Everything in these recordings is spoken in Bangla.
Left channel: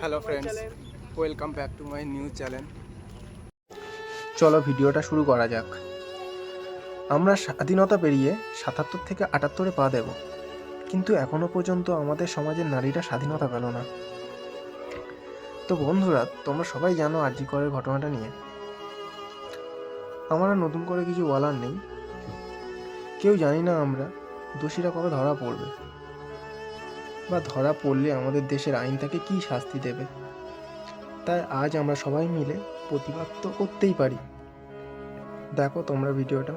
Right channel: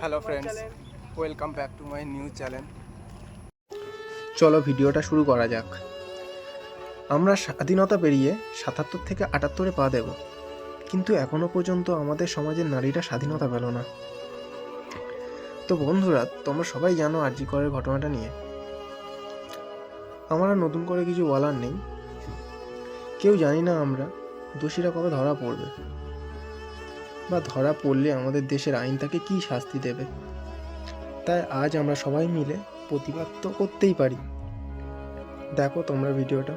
Hello friends, welcome back to my new channel. চলো ভিডিওটা শুরু করা যাক। আমরা স্বাধীনতা পেরিয়ে ৭৭ থেকে ৭৮-এ পা দেব, কিন্তু এখনও পর্যন্ত আমাদের সমাজের নারীরা স্বাধীনতা পেল না। তো বন্ধুরা, তোমরা সবাই জানো আর.জি. করের ঘটনাটা নিয়ে। আমার আর নতুন করে কিছু বলার নেই। কেউ জানি না আমরা দোষীরা কবে ধরা পড়বে, বা ধরা পড়লে আমাদের দেশের আইন তাকে কী শাস্তি দেবে। তাই আজ আমরা সবাই মিলে প্রতিবাদ তো করতেই পারি। দেখো তোমরা ভিডিওটা।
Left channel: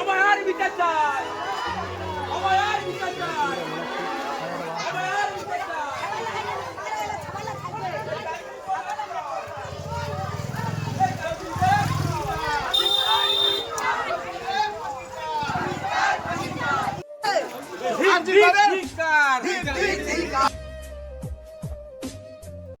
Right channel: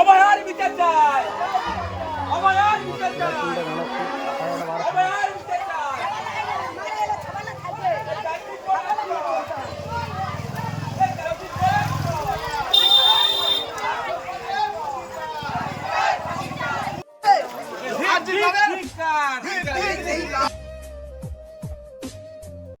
আমার আর বিচার চাই, আমার আর বিচার চাই।